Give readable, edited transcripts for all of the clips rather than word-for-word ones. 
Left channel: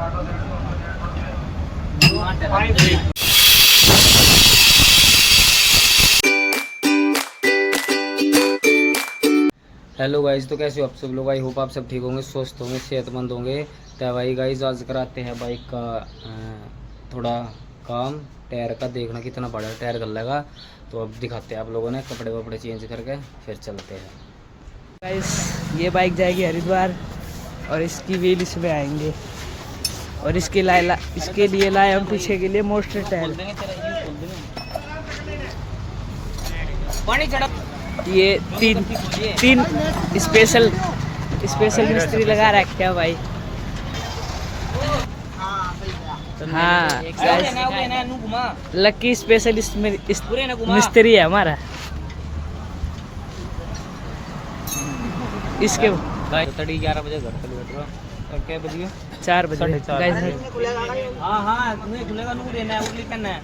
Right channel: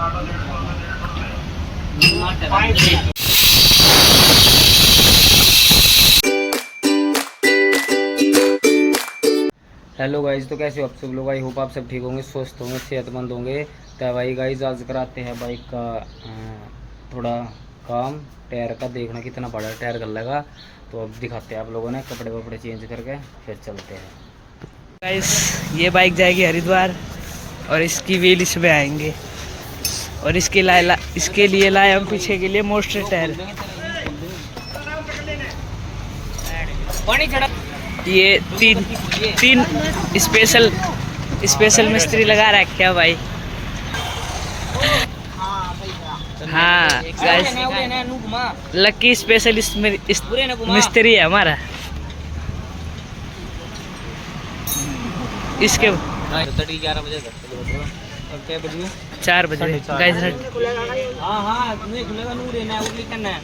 Hello guys, तो कैसे हो आप सब लोग। आई होप आप सब ठीक होंगे, स्वस्थ होंगे, सेहतमंद होंगे। तो भाई गाइज आज कराते हैं बाइक का थोड़ा काम। टायर का देखना कितना बड़ा टायर कर लगा, तो अब दिखाते हैं आप लोगों ने कपड़े वपड़े चेंज करके फिर चलते हैं। गाइस ये बाइक जाएगी हरिद्वार और इसकी व्हील इसमें आएंगे। और इसके लिए लाए हम पीछे के लिए मोस्टर टायर। ये तीन स्पेशल मिस्त्री लगा रखे है भाई। हाँ गाइस, लकी स्पेशल मिस्त्री है हमारा। इसके 11 बजे घर चले और क्या बजे 4 बजे गाइस। हाँ खुलेगा नूर है वो लिखना है।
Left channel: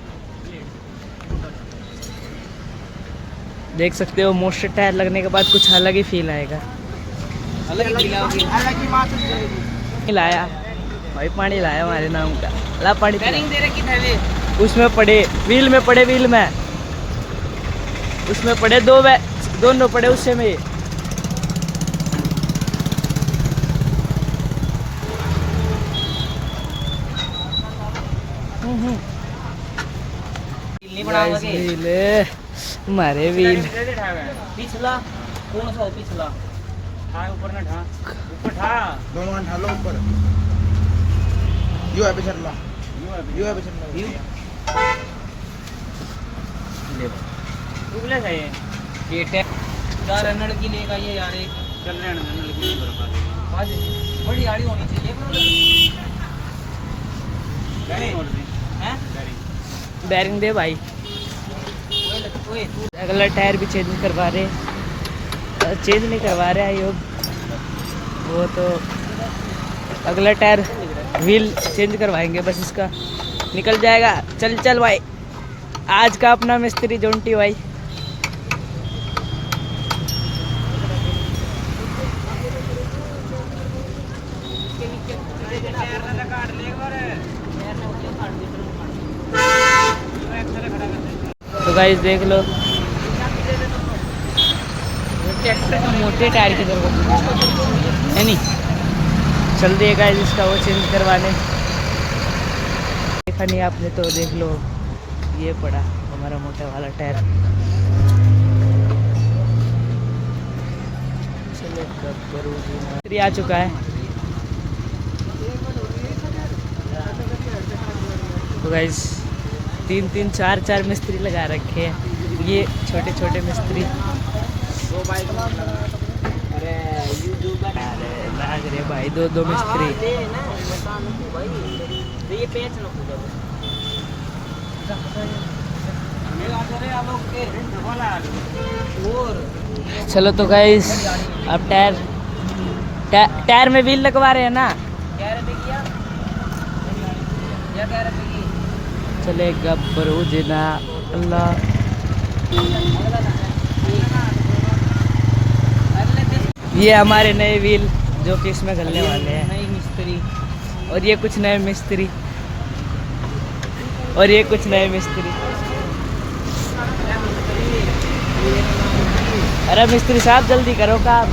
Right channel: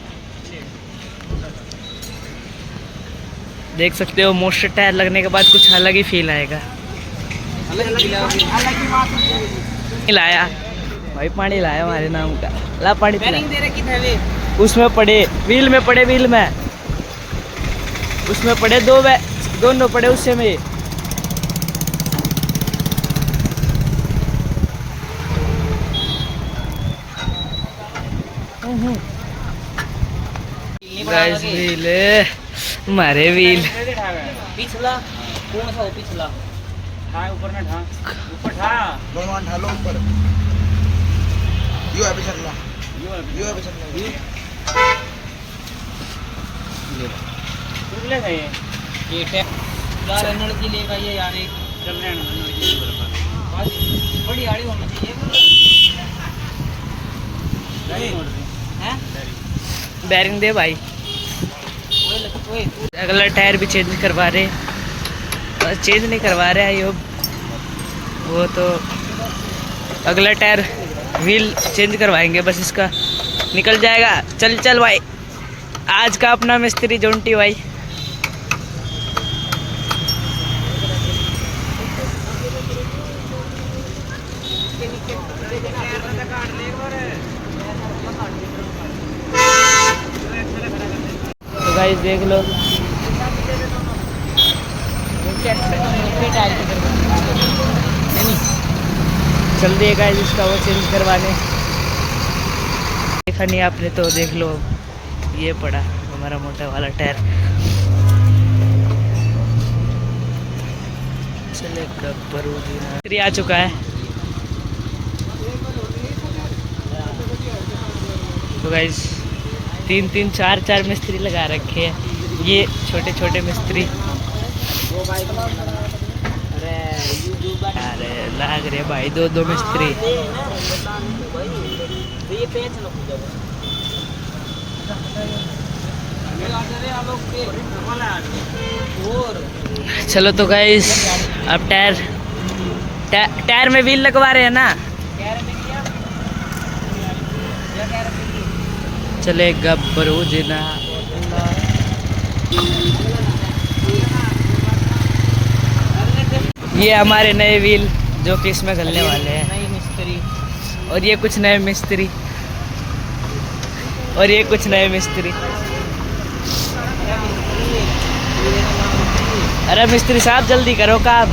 देख सकते हो मोस्टर टायर लगने के बाद कुछ अलग ही फील आएगा। लाया भाई, पानी लाया हमारे नाम का। ला पानी पिला। उसमें पड़े व्हील में, उसमें पड़े दोनों पड़े उससे में। गाइस व्हील हमारे व्हील पिछला कौन सा हो? पिछला ऊपर में ऊपर दोनों ढालो ऊपर। यो अभी चलना, ले गए ये यार अनड़ की लेगा ये यार। एक चल रहे हैं बड़ी गाड़ी होनी चाहिए। बैरिंग दे भाई। अगला टायर भी चेंज करवा रहे, चेंज नहीं करवा रहे हैं वो तो अगला टायर व्हील चेंज करवाएंगे, बस इसका निकल जाएगा। चल भाई, आज का अपना मिस्त्री जोंटी भाई। तो गाइस देख लो मोटे टायर की जरूरत है नहीं, चल दिए गाइस इसका वो चेंज करवाने। देखा नहीं आपने तो देख लो, ये पड़ा हमारा मोटा वाला टायर। चले गब्बरू जी आ चुका है। तो गाइस 3 4 मिस्त्री लगा रखे हैं, ये छोटे मिस्त्री। अरे लग रहे भाई दो मिस्त्री। चलो तो गाइस अब टायर में व्हील लगवा रहे हैं ना। चले गब्बरू जिना। ये हमारे नए व्हील जो कि इसमें घलने वाले हैं। नई मिस्त्री और ये कुछ नए मिस्त्री, और ये कुछ नए मिस्त्री। अरे मिस्त्री साहब जल्दी करो काम।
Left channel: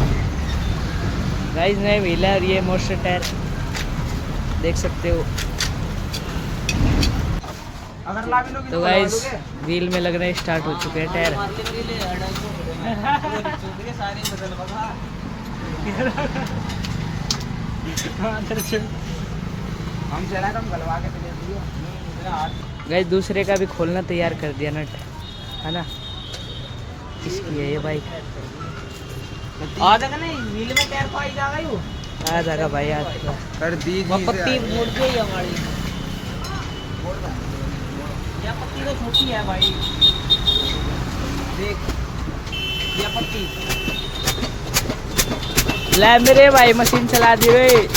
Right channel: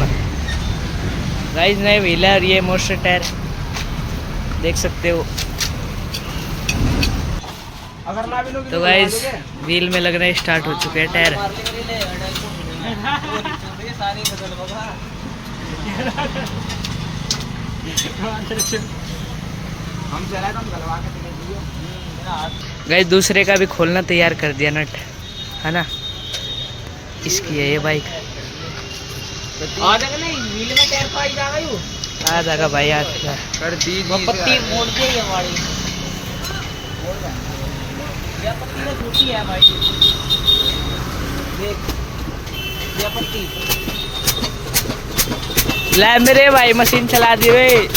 गाइस नए व्हील है और ये मोस्टर टायर देख सकते हो। तो गाइस व्हील में लगना स्टार्ट हो चुके हैं टायर। गाइस दूसरे का भी खोलना तैयार कर दिया नट, है ना। इसकी है ये बाइक। आ जाएगा नहीं व्हील में टायर पाई जाएगा। आ जाएगा भाई, आज कर दी पट्टी मोड़ दे हमारी। ये पट्टी तो छोटी है भाई, देख ये पट्टी। ले मेरे भाई मशीन चला दी वे।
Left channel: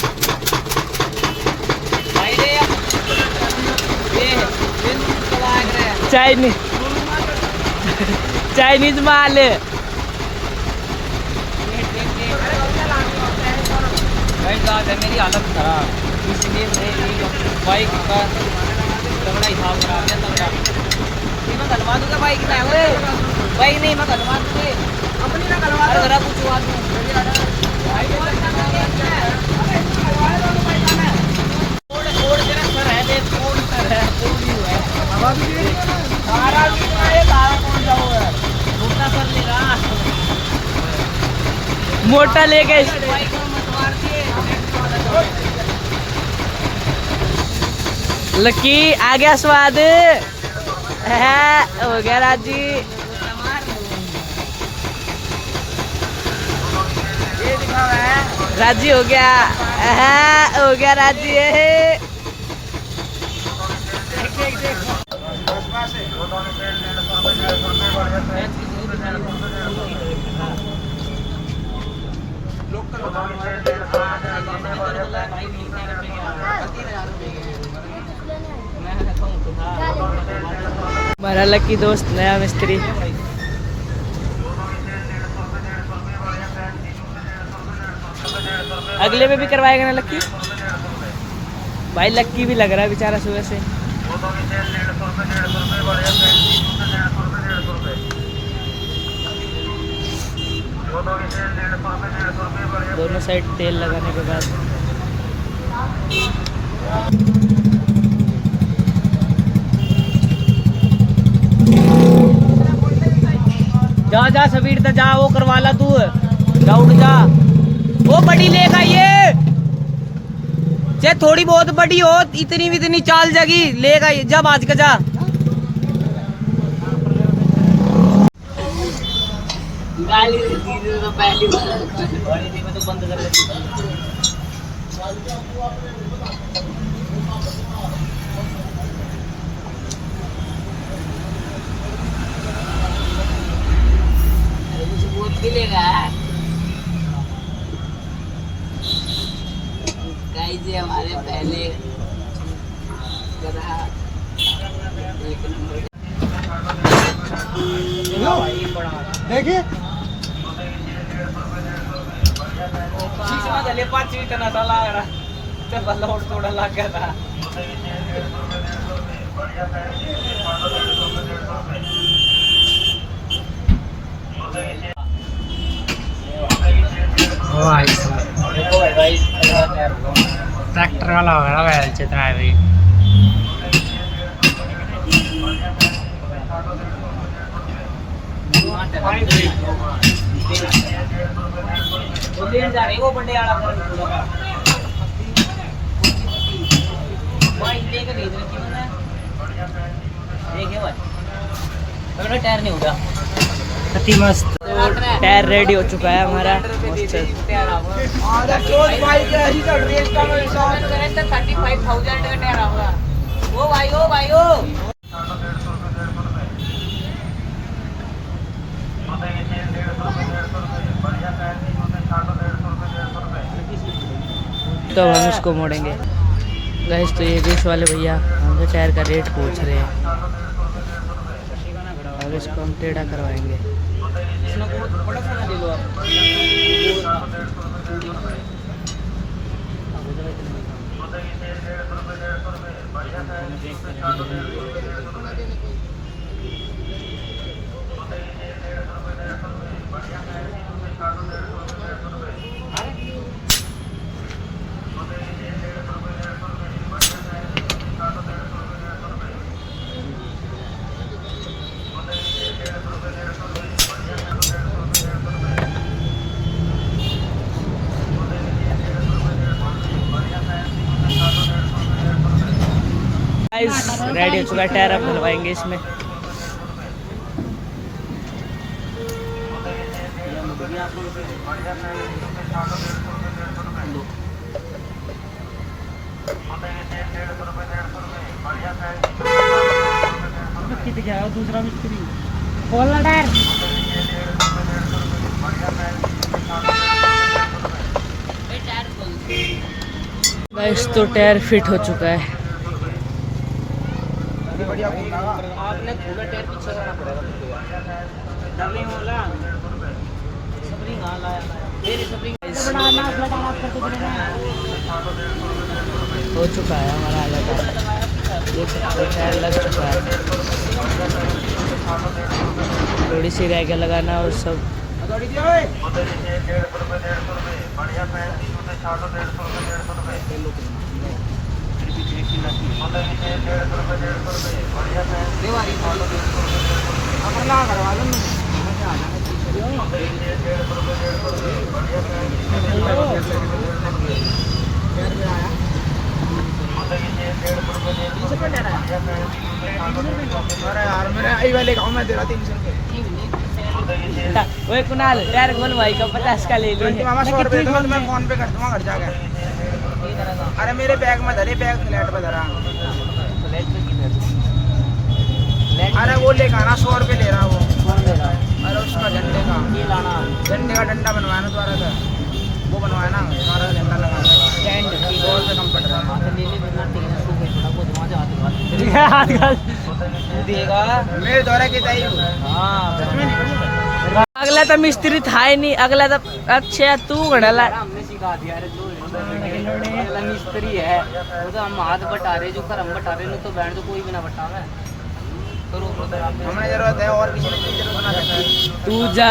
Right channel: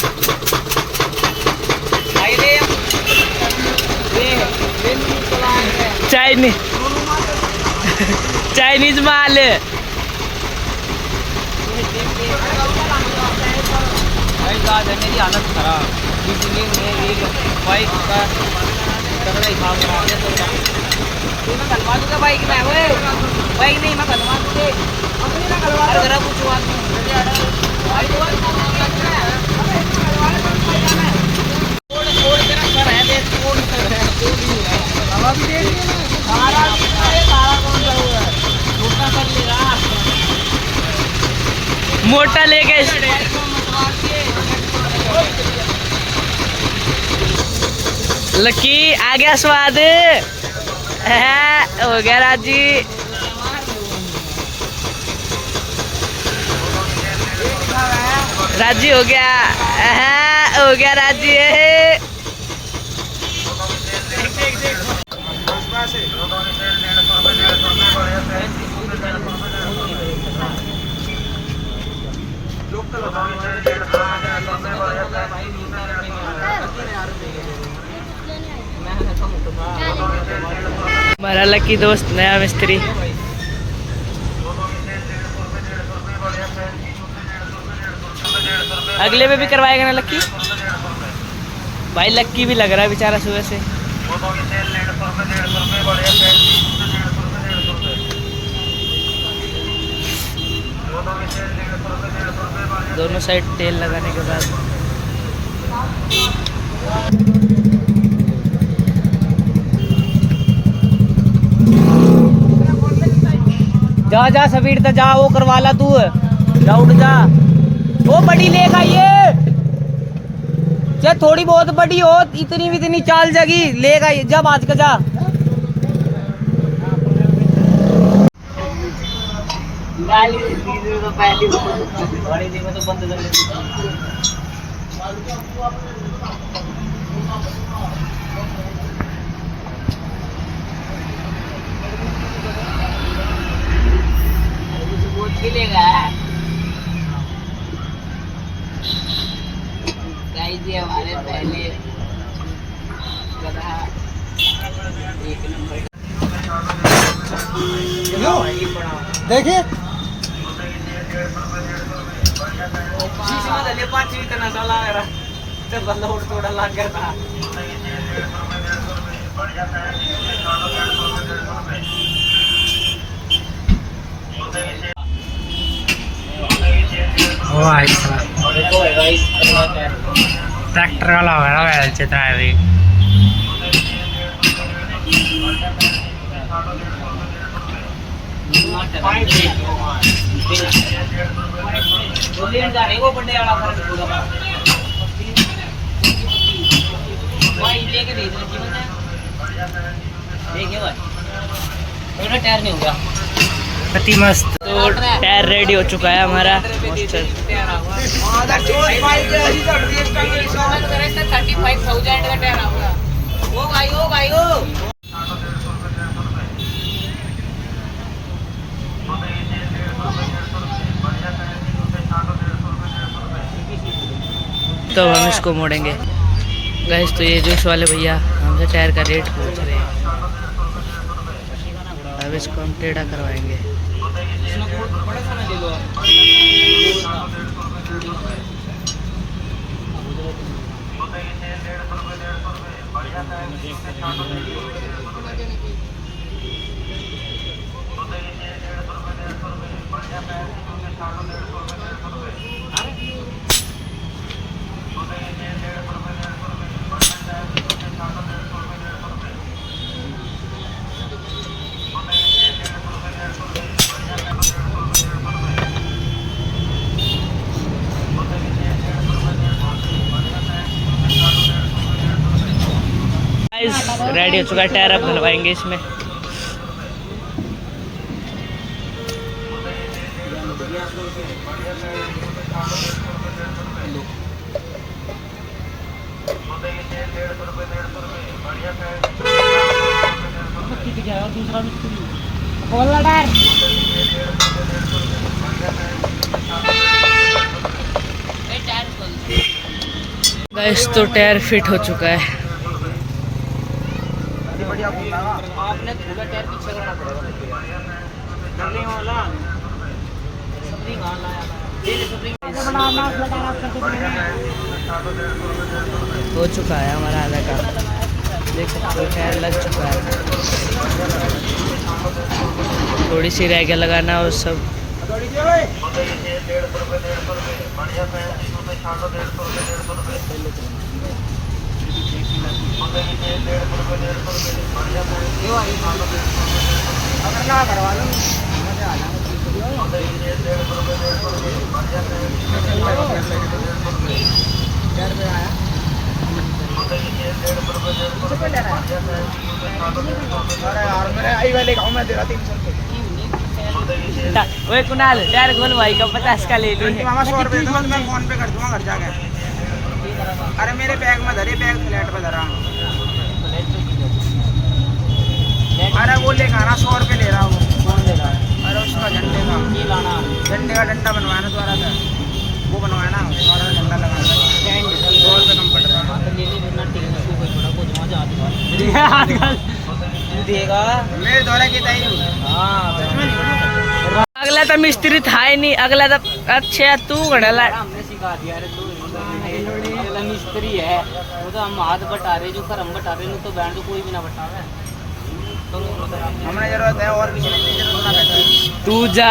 चाइनीज माल। भाई मेरी हालत खराब। इसलिए मेरी बाइक का तगड़ा हिसाब करा के थोड़ा ये मैं गलवा दूंगा बाइक में ओए बाइक नहीं मैं गलवा दूंगी अपनी ना गलवा दो जरा कुछ बात भाई तो बात करना है अरे गलवा दो बाइक में कोड तेरा सर है देख कोड सर है कोड ही है हवा भी दे दिया ना सारा ये तारा कौन सा हुआ है छोटा कर ले रहा मोटा लेके लकी आ गया स्वाद हो गया राजी। राजी हो गया राजी। हमारा लकी दोस्त नया मिस्त्री। अगले में भी करवाएगा ना लक्की भाई। लक्की भी लग रहा है बेचारा सुबह से। दोनों साइड तेल लगाने के बाद जा जा सबीर तो जा वो करवा ला तू जा उठ जा वो बड़ी लेगा ये चाहे थोड़ी बहुत बड़ी हो इतनी भी इतनी चाल जगी लेगा ये जब आज का जा गाली तो पहली तो बंद कर मिलेगा जी हमारे पहले गधा एक नंबर देखिए पाँच इतना चला चल लोड थोड़ा लग गया था। ट्रैक्टर वाला होगा वैल चित्र है भी। टायर नहीं होगा अति मस्त। तो टायर रेडी हो चुका है हमारा। तो हम इसको मोड़ेंगे गैस। तो ये जूस वाले भैया हमसे टायर का रेट पूछ रहे हैं। अब इसको हम टेढ़ा करवाएंगे। रेडी हो चुका है टायर। अब डलवाएंगे इसमें। दूसरा मिस्त्री गैस तो टायर फिट हो चुका है। आपने थोड़ा टायर पीछे करना पड़ेगा सबरी वहाँ लाया सबरी बनाना फ्लैट आप करते हो चुका है हमारा आधा काम, देख सकते हो टायर लग चुका है, थोड़ी सी रह गया लगाना और सब। ओए कुणाल टायर खोल भाई का 50 का ले ली। मामा 100 रुपए दो, मैं फोन पे कर दूंगा घर जाकर। अरे मेरे बैग में धरे, बैग फ्लैट पे धरा। अरे वो लेकर आना, 100 रुपए ले रहा वो। कौन दे रहा है? अरे उसका झंडे का ये लाना झंडे का डंडा बनवाना चाह रहा था, वो बनवाना है, सारा झंडा लगाना है। 100 रुपए कम कट रहा है। हाँ तो ले ले बिना टिकने को कोई बड़ा को जमा जा तू देगा। मेरे द्वारा की तय। हाँ अगला तो मिस्त्री था ही नहीं, अगला तो अच्छा तू घड़ला। हमने सिखा दिया रे, तू अगला मिस्त्री है वो तो हम हाथ बटा रहे, जो कर हम बटा रहे, नहीं तो बैंड तो कोई भी ना बटावे। करो हमें जरूरत है और किसी की जरूरत नहीं है। तू जा।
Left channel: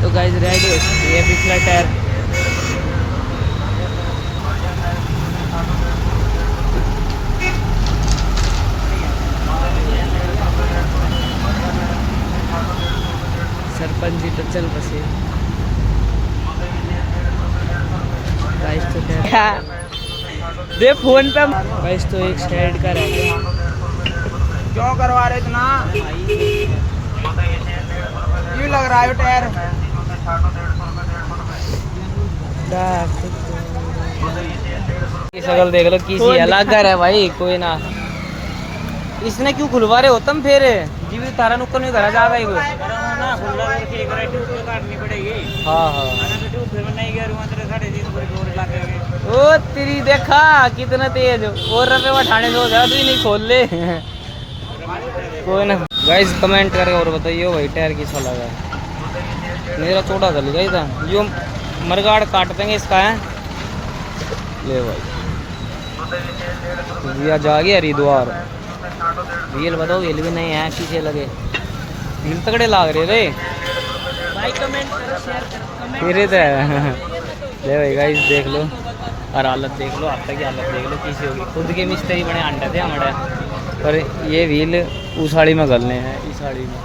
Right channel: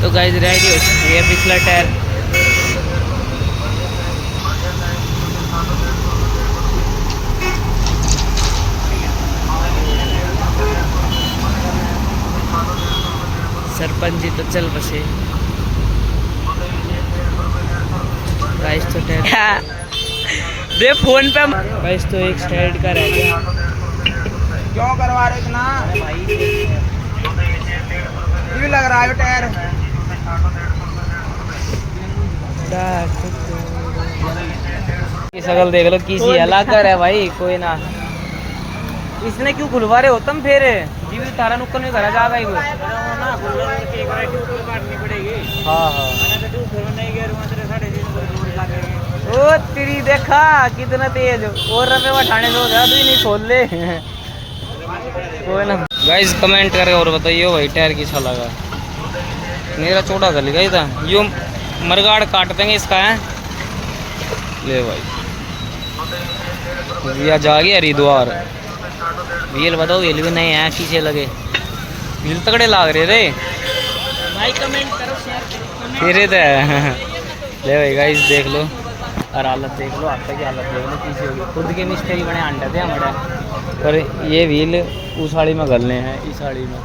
तो गाइस रेडी हो चुकी है पिछला टायर। सरपंच जी तो चल बसे गाइस, तो टायर दे फोन पे गाइस, तो एक साइड का रह गया। क्यों करवा रहे इतना? क्यों लग रहा है टायर? शकल देख लो किसी अलग कर है भाई, कोई ना। इसने क्यों खुलवा रहे हो तुम फिर? जी भी तारा नुक्कर नहीं करा जाएगा वो। हाँ हाँ ओ तेरी देखा कितना तेज, और रुपये उठाने से हो जाए भी नहीं, खोल ले कोई ना। गाइस कमेंट करके और बताइए भाई टायर कैसा लगा। मेरा छोटा कर लिया था यो, मरगाड़ काट देंगे इसका है। ले भाई भैया जा गया हरिद्वार। व्हील बताओ, व्हील भी नहीं है, किसे लगे व्हील तगड़े लाग रहे रे तेरे तो ले भाई गाइस देख लो, और हालत देख लो, आप तक की हालत देख लो किसी होगी। खुद के मिस्त्री बने अंडे थे हमारे, पर ये व्हील उस साड़ी में गलने हैं, इस साड़ी में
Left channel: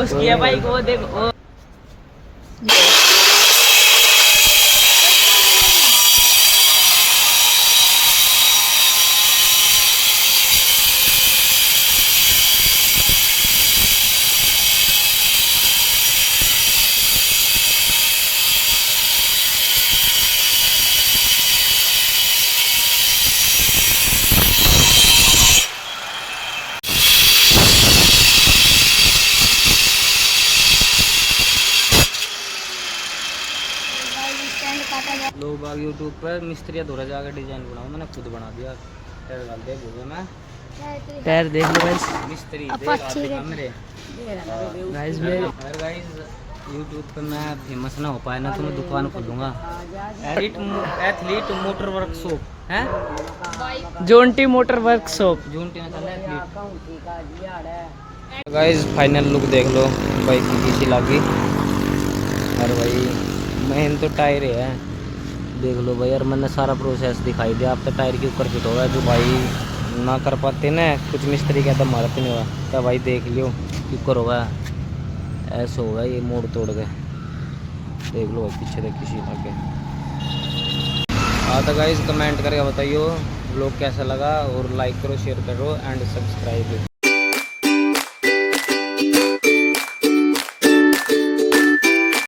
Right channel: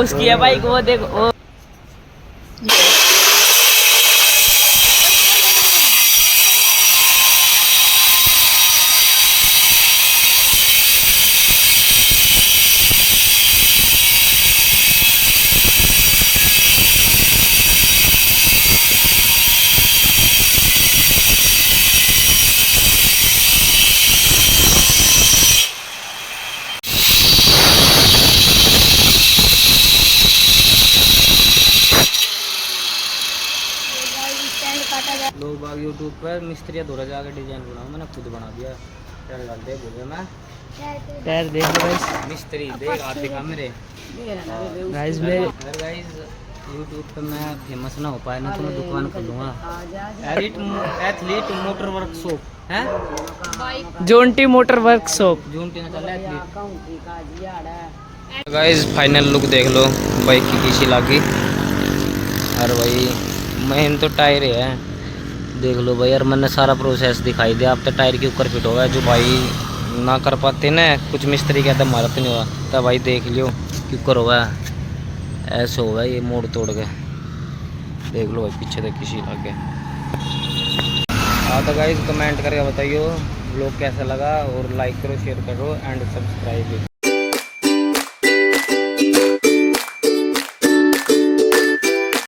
उसकी है भाई, वो देख वो। लोग बाग यूट्यूब पर मिस्त्री धोरा जाकर डिजाइन बनाओ, मैंने खुद बना दिया। टायर डाल दे बोले मैं, टायर देख लो गाइस, मिस्त्री देख आप दिखा मेरे गाइस में। अगर गाइस यूट्यूब पे मैं फेमस ना हो पाया ना तो मैं दुकान खोलूँगा, एथलीट मोटर वर्कशॉप है, जोंटी मोटर वर्कशॉप। जूनटी ना चल एथलीट। गाइस फाइनल लुक देख लो बाइक की किसी लागी। और भाई मेन तो टायर है, देख लो भाई। यार मैंने सारा प्रोसेस दिखाई दिया, अब तो टायर के ऊपर फिट होगा। जो भाई ना कर पाते ना, कुछ मिस्त्री कहते हमारा तो नहीं हुआ, तब भाई देख लियो क्यों कर होगा, ऐसे होगा ये मोड़ तोड़ के। देख लो भाई पीछे तक किसी लगे। हाँ तो गाइस कमेंट करके बताइयो ब्लॉग कैसा लगा, और लाइक करो, शेयर करो एंड सब्सक्राइब।